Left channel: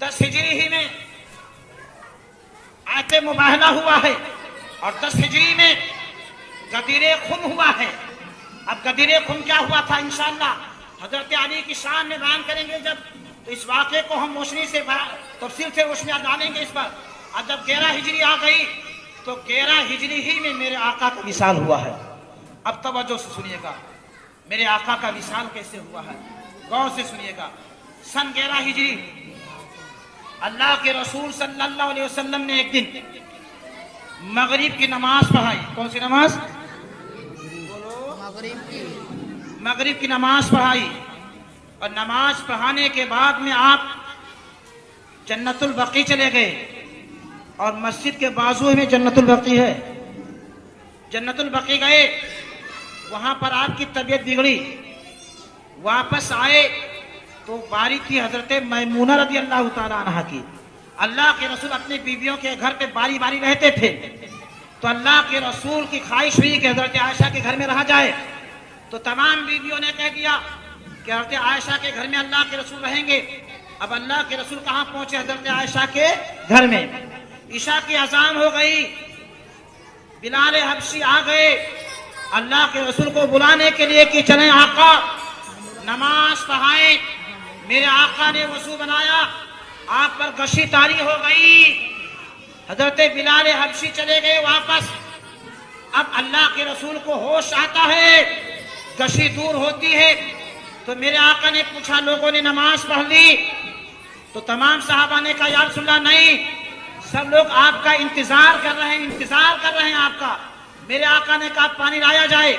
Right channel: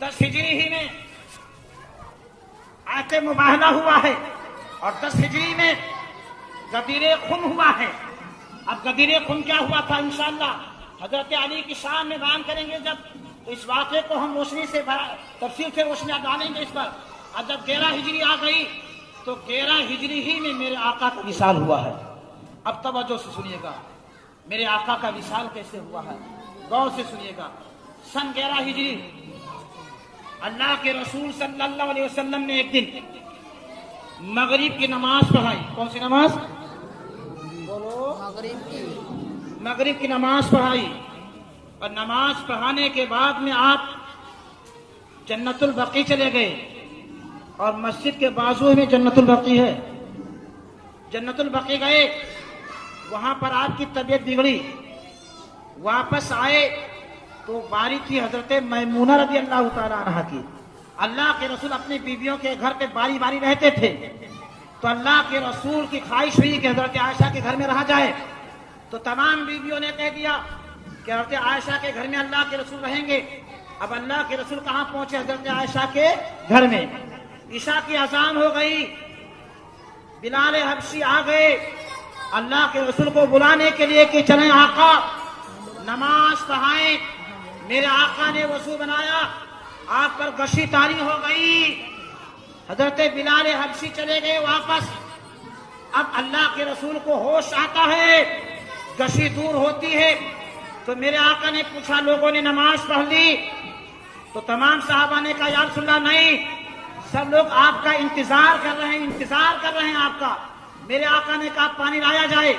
10 ہجری ہی میں آیت مباہلہ ہوا ہے اور 10 ہجری میں غدیر خم ہوا ہے. اب غدیر خم کیا ہوا تھا انشاءاللہ حضرت علی کی شان میں بیان کریں گے جب، تو اس واقعے کو ہم روشنی سے تفصیل سے روشنی ڈالیں گے اس پر. اب جب 11 ہجری آ گئی تو 11 ہجری ہی میں میرے آقا کا وصال ہوا ہے. اب توجہ سے سنیے گا میرے آقا کا وصال کیسے ہوا ہے، غور سے سنیے گا. سن 11 ہجری اللہ کے رسول صلی اللہ علیہ وسلم نے ایک دن مغرب کی نماز پڑھائی. کون سی نماز؟ مغرب کی نماز پڑھائی. اور نماز پڑھانے کے بعد میں آپ جنت البقیع چلے گئے. اور مسجد کے بازو میں جنت البقیع ہے. جنت البقیع گئے، وہاں پر آپ کی طبیعت بگڑی. واپس آئے تو باری تھی حضرت میمونہ رضی اللہ تعالیٰ عنہ کی. اللہ کے رسول اپنی بیویوں کے گھر پہ باری باری رہتے تھے، تو اللہ کے رسول کی خواہش ہوئی کہ حضرت عائشہ کے گھر میں رہا جائے. تو تمام بیویوں نے کہہ دیا کہ حضرت عائشہ کے گھر میں اللہ کے رسول رہیں گے. اب اللہ کے رسول کہاں پہنچے؟ حضرت عائشہ کے گھر میں. عشاء کی اذان ہو گئی، بلال حبشی آ گئے اللہ کے رسول کو بلانے کے لیے کہ چلیں آقا نماز پڑھائیں. میرے آقا نے وضو بنایا، آپ پر غشی طاری ہو گئی. حضرت بلال حبشی چلے گئے واپس. اب اللہ کے رسول کو ہوش آتا ہے، غشی دور ہوتی ہے. تو میرے آقا نے پوچھا لوگوں نے نماز پڑھ لی؟ تو تمام صحابہ نے کہا یا رسول اللہ نہیں، سب لوگ آپ کا انتظار کر رہے ہیں آپ کا. میرے آقا نے کہا پانی لایا جائے.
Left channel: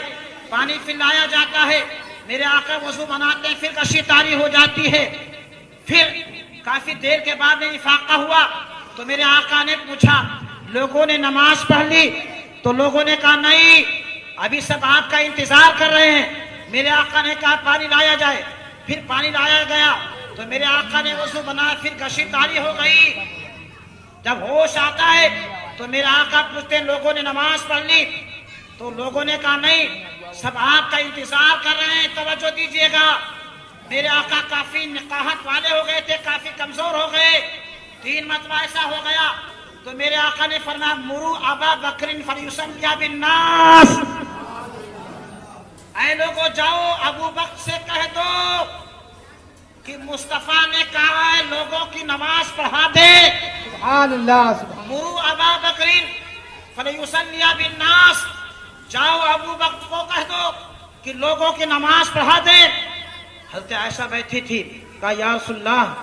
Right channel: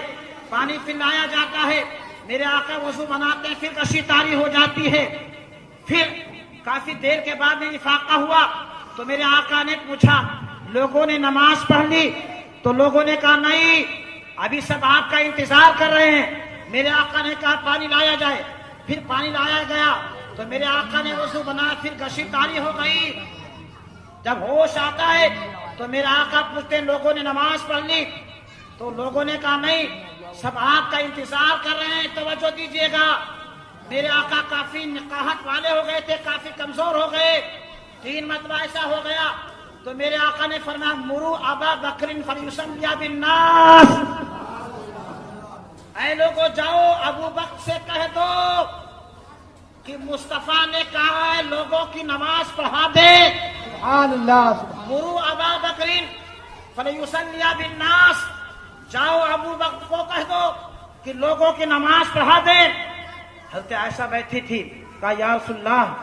پانی پھر لایا جاتا ہے. میرے آقا وضو بناتے ہیں، پھر غشی طاری ہو جاتی ہے. پھر کافی دیر کے بعد میں افاقہ ہوا تو میرے آقا نے پوچھا لوگوں نے نماز پڑھ لی؟ تو لوگوں نے کہا نہیں، ابھی سب آپ کا انتظار کر رہے ہیں. میرے آقا نے کہا پانی لایا جائے. پھر پانی لایا گیا تو میرے آقا نے وضو بنایا، پھر غشی طاری ہو گئی. جب ہوش آتا ہے تو میرے آقا پوچھتے ہیں لوگوں نے نماز پڑھ لی؟ تو لوگوں نے کہا نہیں، سب آپ کا انتظار کر رہے ہیں. توجہ دیجیے گا، میرے آقا کافی نقاہت والے ہو گئے تھے، کافی کمزور ہو گئے. 3 مرتبہ ایسا ہو گیا تو میرے آقا نے فرمایا مرو ابا بکر فلیصلی بالناس، اے لوگوں جاؤ ابو بکر سے کہہ دو کہ مصطفیٰ نے کہا ہے لوگوں کی نماز پڑھا دے. مرو ابا بکر فلیصلی بالناس، جاؤ ابو بکر کو کہہ دو کہ لوگوں کی نماز پڑھا دے. حضرت عائشہ بیٹھی تھی، کہا یا رسول اللہ